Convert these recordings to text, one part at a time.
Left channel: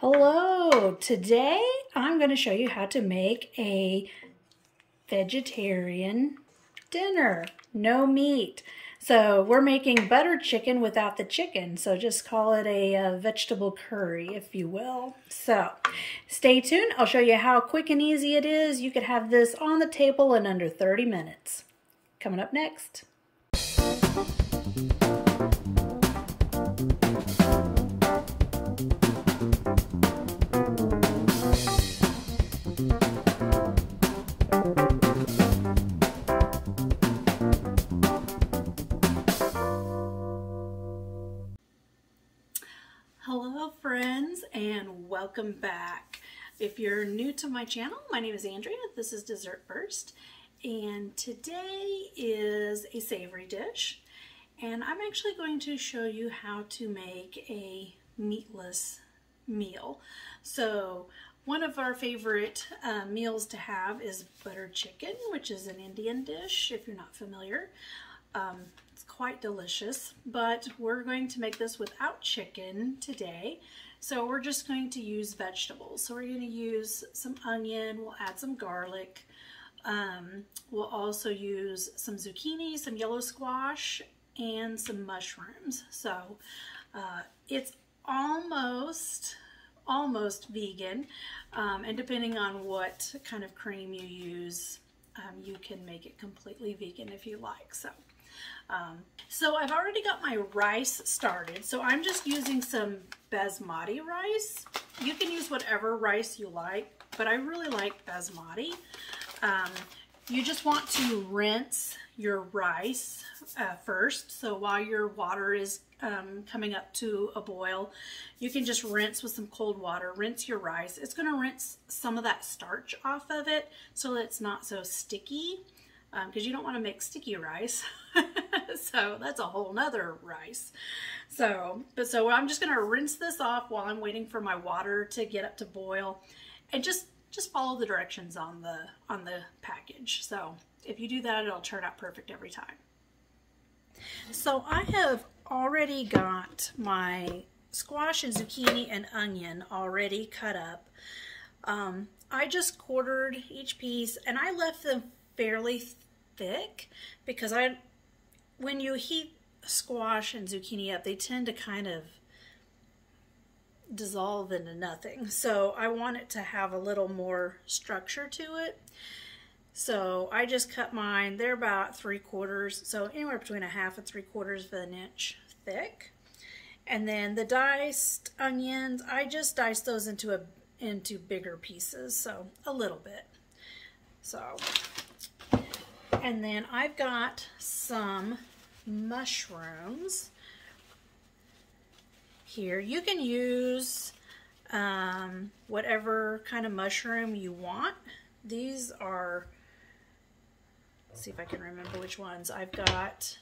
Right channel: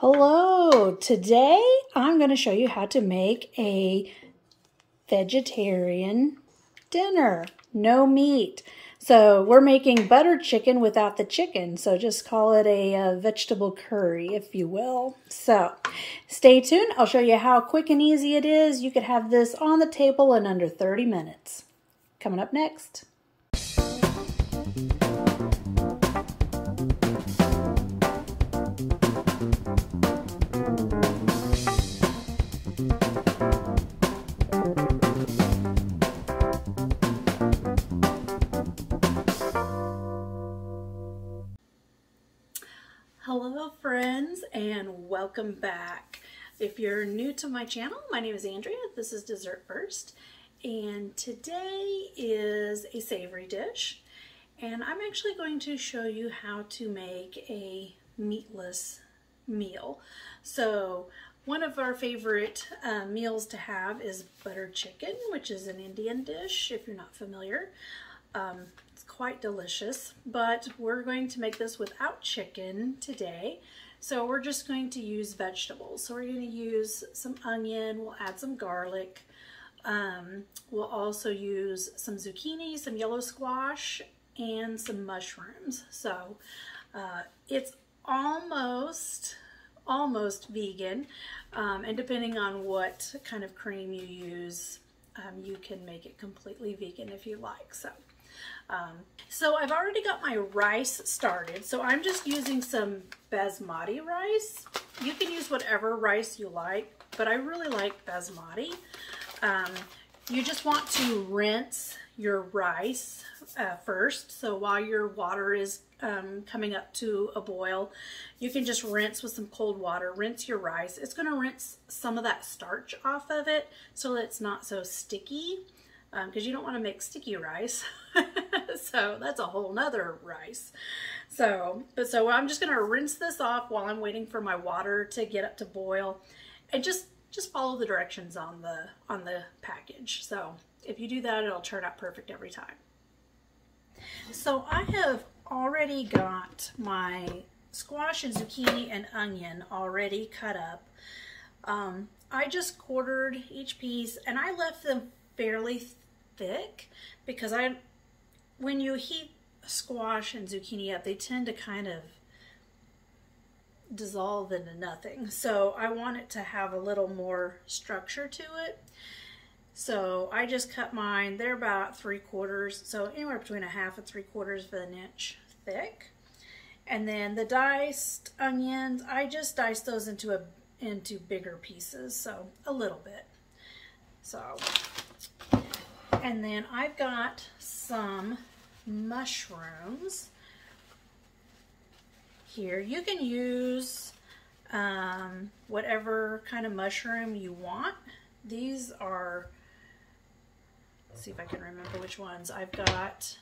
Hello, today I'm going to show you how to make a vegetarian dinner. No meat. So we're making butter chicken without the chicken. So just call it a vegetable curry, if you will. So stay tuned. I'll show you how quick and easy it is. You could have this on the table in under 30 minutes. Coming up next. Hello friends, and welcome back. If you're new to my channel, my name is Andrea. This is Dessert First, and today is a savory dish, and I'm actually going to show you how to make a meatless meal. So one of our favorite meals to have is butter chicken, which is an Indian dish if you're not familiar. Quite delicious, but we're going to make this without chicken today. So we're just going to use vegetables. So we're going to use some onion, we'll add some garlic, we'll also use some zucchini, some yellow squash, and some mushrooms. So it's almost vegan, and depending on what kind of cream you use, you can make it completely vegan if you like. So I've already got my rice started, so I'm just using some basmati rice. You can use whatever rice you like, but I really like basmati. You just want to rinse your rice first. So while your water is coming up to a boil, you can just rinse with some cold water. Rinse your rice. It's going to rinse some of that starch off of it so that it's not so sticky, because you don't want to make sticky rice. So that's a whole nother rice. So I'm just going to rinse this off while I'm waiting for my water to get up to boil, and just follow the directions on the package. So if you do that, it'll turn out perfect every time. So I have already got my squash and zucchini and onion already cut up. I just quartered each piece, and I left them fairly thick because when you heat squash and zucchini up, they tend to kind of dissolve into nothing. So I want it to have a little more structure to it. So I just cut mine. They're about 3/4, so anywhere between 1/2 and 3/4 of an inch thick. And then the diced onions, I just diced those into bigger pieces, so a little bit. So, and then I've got some mushrooms here. You can use whatever kind of mushroom you want. These are, let's see if I can remember which ones. I've got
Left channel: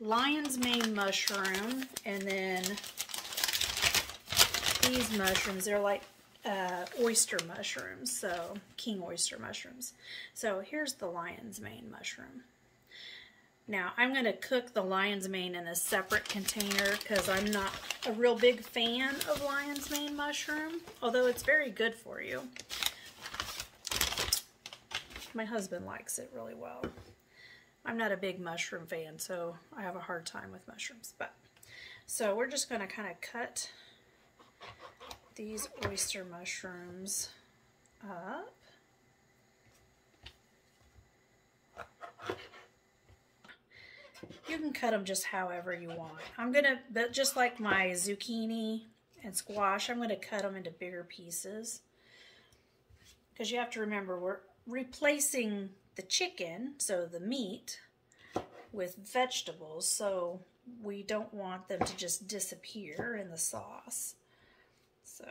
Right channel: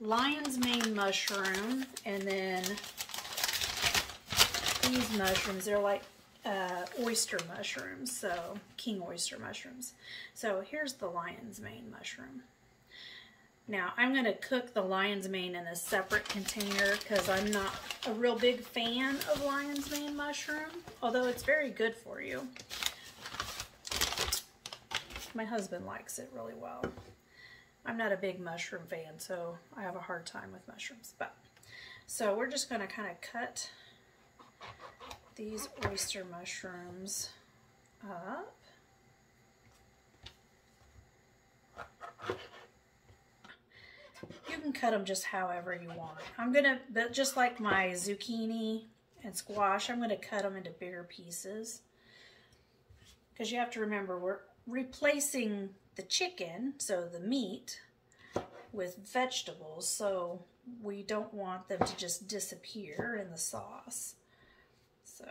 lion's mane mushroom, and then these mushrooms, they're like oyster mushrooms, so king oyster mushrooms. So here's the lion's mane mushroom. Now I'm going to cook the lion's mane in a separate container because I'm not a real big fan of lion's mane mushroom, although it's very good for you. My husband likes it really well. I'm not a big mushroom fan, so I have a hard time with mushrooms. So we're just going to kind of cut these oyster mushrooms up. You can cut them just however you want. I'm gonna, just like my zucchini and squash, I'm gonna cut them into bigger pieces, because you have to remember we're replacing the chicken, so the meat, with vegetables, so we don't want them to just disappear in the sauce. So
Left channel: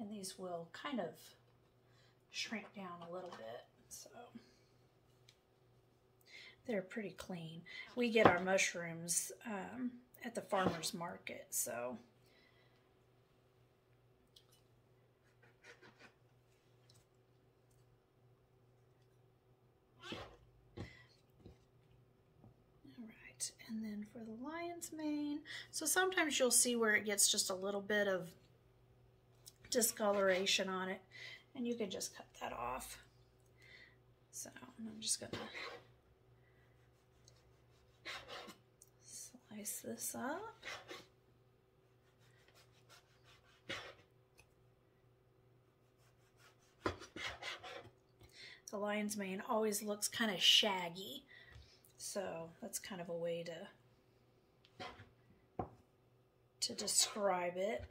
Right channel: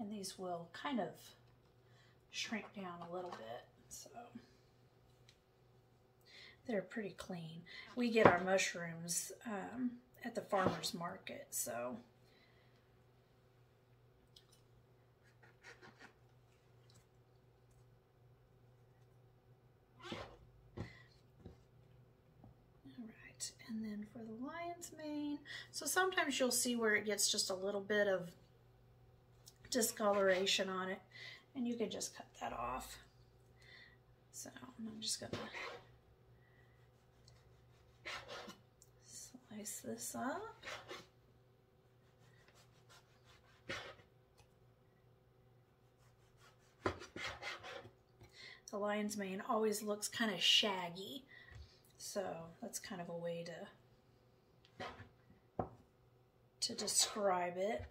And these will kind of shrink down a little bit, so they're pretty clean. We get our mushrooms at the farmer's market, so alright, and then for the lion's mane, so sometimes you'll see where it gets just a little bit of discoloration on it, and you can just cut that off. So I'm just gonna slice this up. The lion's mane always looks kind of shaggy, so that's kind of a way to describe it.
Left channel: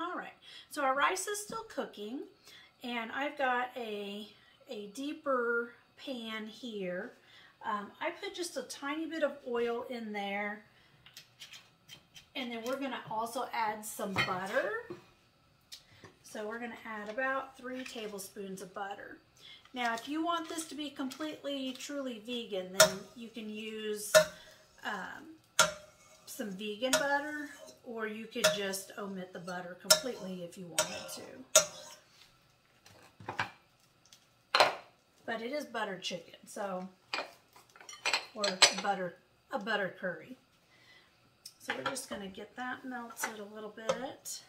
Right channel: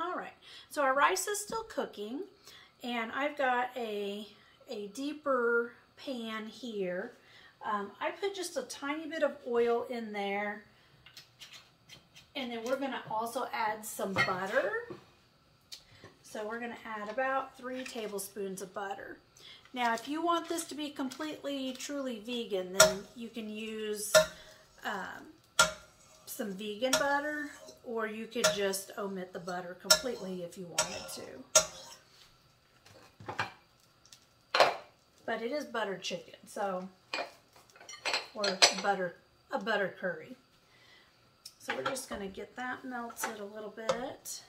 Alright, so our rice is still cooking, and I've got a deeper pan here. I put just a tiny bit of oil in there, and then we're going to also add some butter. So we're going to add about 3 tablespoons of butter. Now, if you want this to be completely, truly vegan, then you can use some vegan butter, or you could just omit the butter completely if you wanted to. But it is buttered chicken, so, or a butter curry. So we're just going to get that melted a little bit.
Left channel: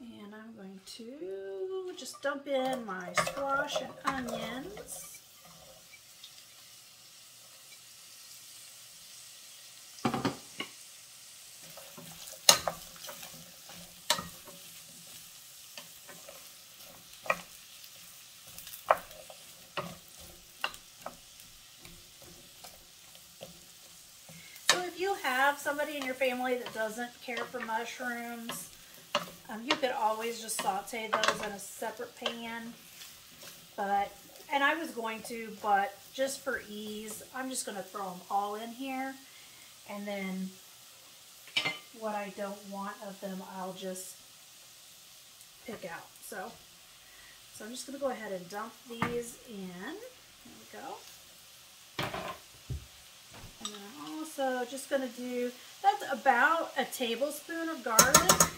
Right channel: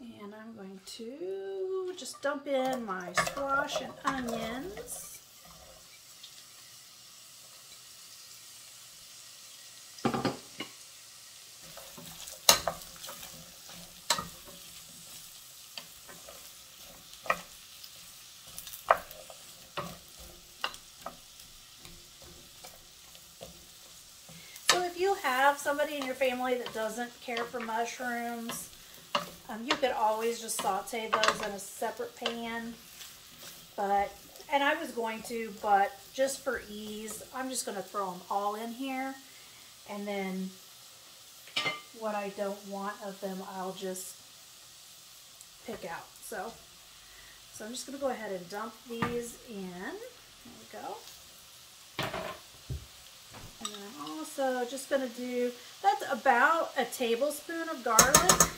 And I'm going to just dump in my squash and onions. So if you have somebody in your family that doesn't care for mushrooms, you could always just saute those in a separate pan, and I was going to, but just for ease, I'm just going to throw them all in here, and then what I don't want of them, I'll just pick out. So I'm just going to go ahead and dump these in. There we go. And then I'm also just going to do, that's about a tablespoon of garlic.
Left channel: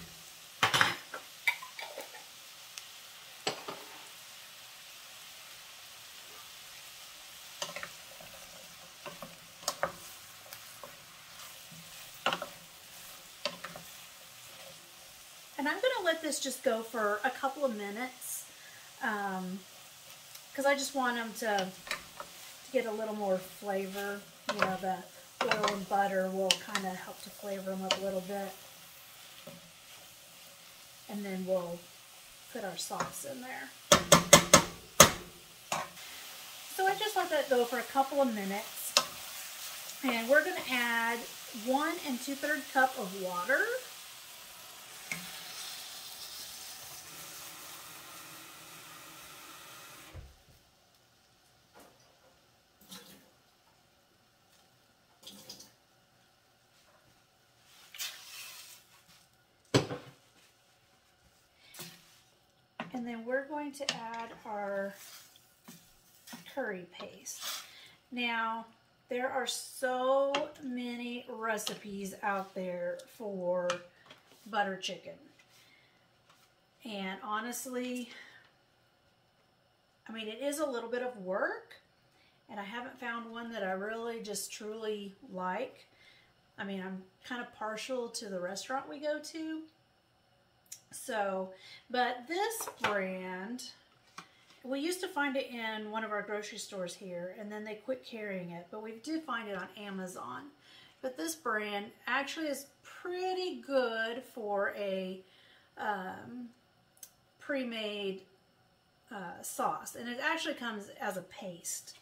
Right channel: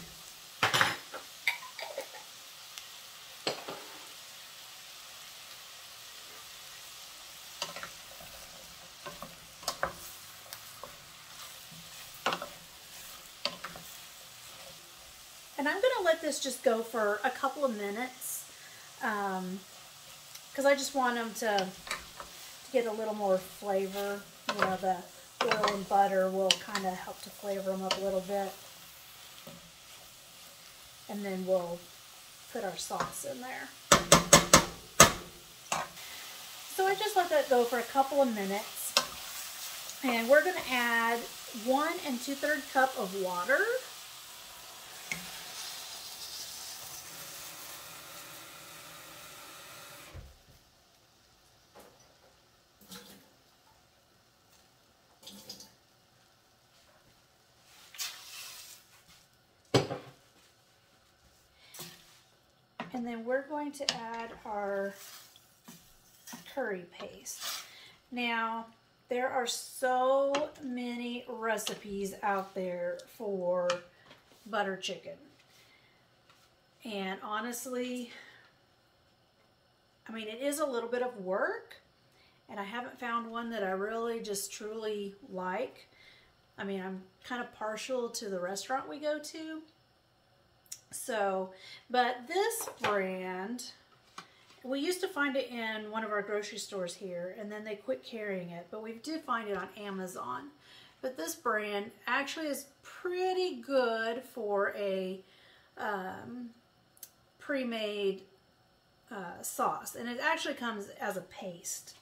And I'm going to let this just go for a couple of minutes because I just want them to get a little more flavor. You know, the oil and butter will kind of help to flavor them up a little bit. And then we'll put our sauce in there. So I just let that go for a couple of minutes. And we're going to add 1 2/3 cup of water. And then we're going to add our curry paste. Now, there are so many recipes out there for butter chicken. And honestly, I mean, it is a little bit of work, and I haven't found one that I really just truly like. I mean, I'm kind of partial to the restaurant we go to. So, but this brand we used to find it in one of our grocery stores here, and then they quit carrying it, but we did find it on Amazon. But this brand actually is pretty good for a pre-made sauce, and it actually comes as a paste,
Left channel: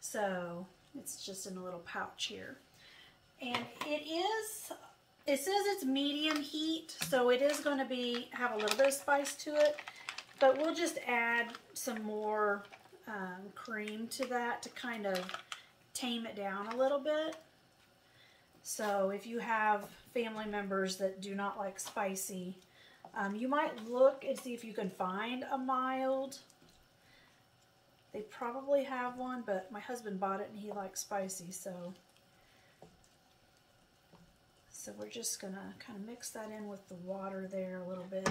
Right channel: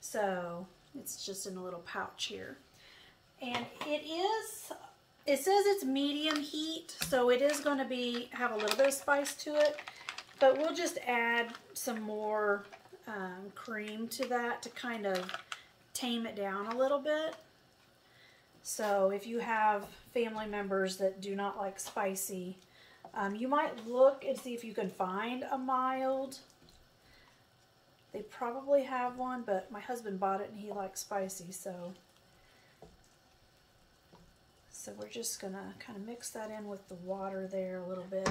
so it's just in a little pouch here. And it says it's medium heat, so it is going to have a little bit of spice to it, but we'll just add some more cream to that to kind of tame it down a little bit. So if you have family members that do not like spicy, you might look and see if you can find a mild. They probably have one, but my husband bought it and he likes spicy, so we're just gonna kind of mix that in with the water there a little bit.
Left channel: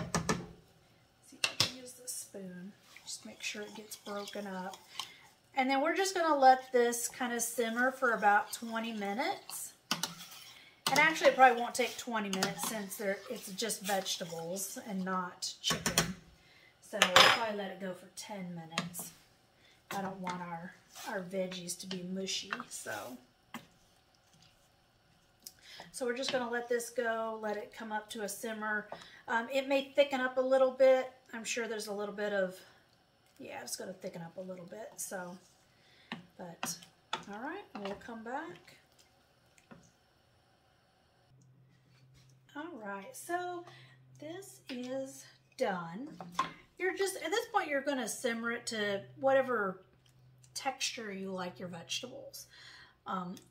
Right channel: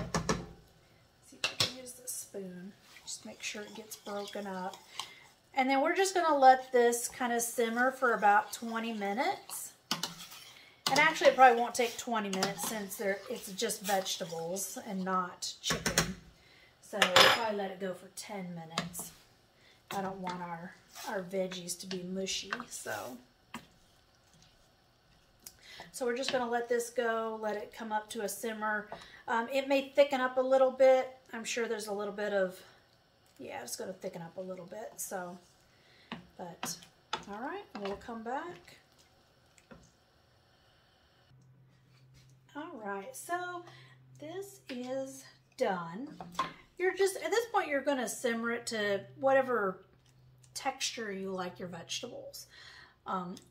See if I can use this spoon. Just make sure it gets broken up. And then we're just gonna let this kind of simmer for about 20 minutes. And actually it probably won't take 20 minutes since it's just vegetables and not chicken. So we'll probably let it go for 10 minutes. I don't want our veggies to be mushy, so we're just going to let this go, let it come up to a simmer. It may thicken up a little bit. I'm sure there's a little bit of, yeah, it's going to thicken up a little bit. So, but all right, we'll come back. All right, so this is done. You're just, at this point, you're going to simmer it to whatever texture you like your vegetables.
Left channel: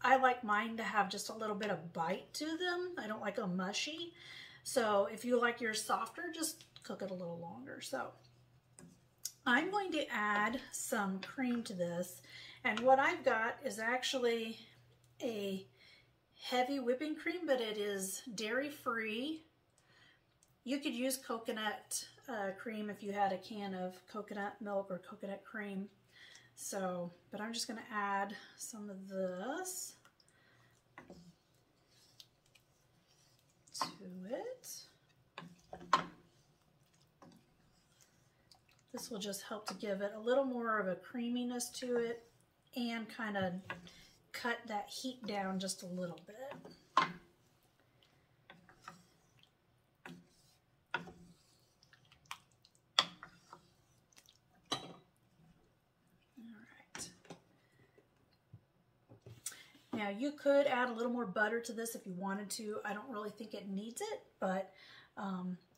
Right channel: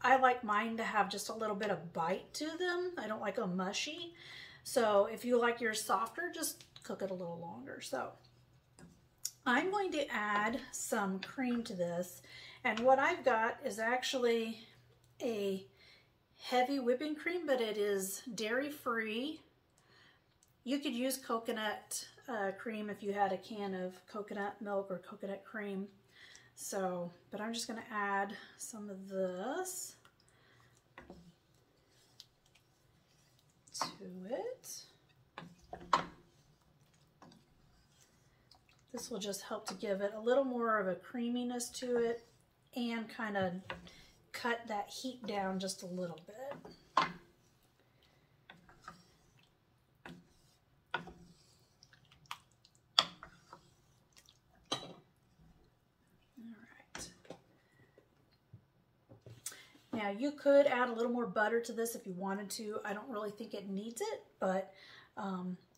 I like mine to have just a little bit of bite to them. I don't like them mushy. So if you like yours softer, just cook it a little longer. So I'm going to add some cream to this. And what I've got is actually a heavy whipping cream, but it is dairy-free. You could use coconut cream if you had a can of coconut milk or coconut cream. So, but I'm just going to add some of this to it. This will just help to give it a little more of a creaminess to it and kind of cut that heat down just a little bit. Now you could add a little more butter to this if you wanted to. I don't really think it needs it, but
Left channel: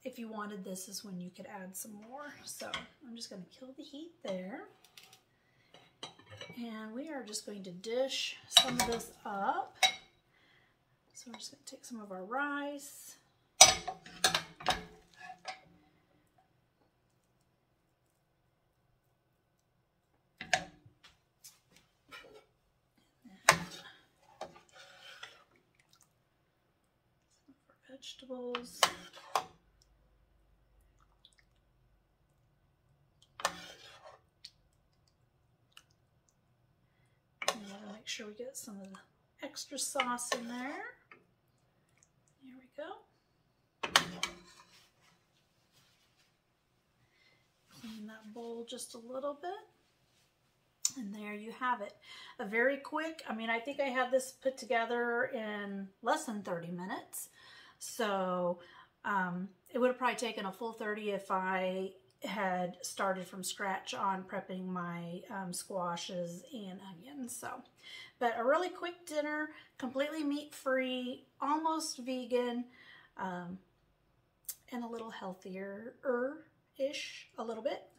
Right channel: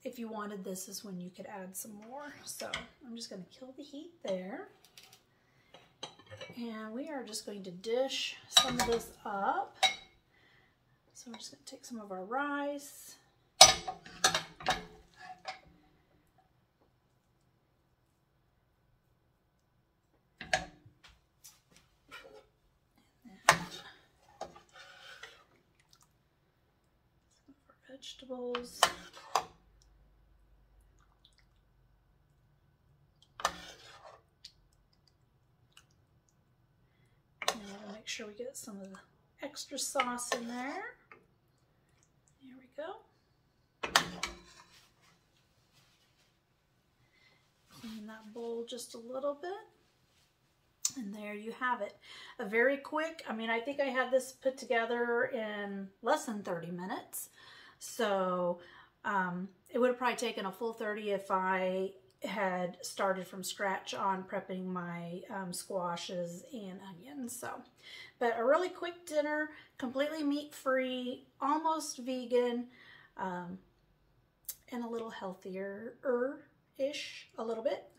if you wanted, this is when you could add some more. So I'm just going to kill the heat there. And we are just going to dish some of this up. So we're just going to take some of our rice. Vegetables. And we'll make sure we get some of the extra sauce in there. There we go. Clean that bowl just a little bit. And there you have it. A very quick, I mean, I think I had this put together in less than 30 minutes. So it would have probably taken a full 30 if I had started from scratch on prepping my squashes and onions. So, but a really quick dinner, completely meat-free, almost vegan, and a little healthier-ish, a little bit.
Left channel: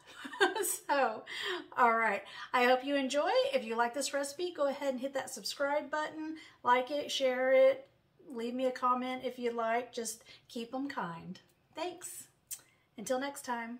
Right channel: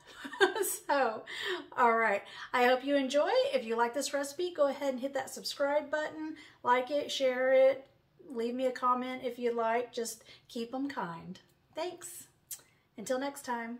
So, all right. I hope you enjoy. If you like this recipe, go ahead and hit that subscribe button, like it, share it. Leave me a comment if you'd like. Just keep them kind. Thanks. Until next time.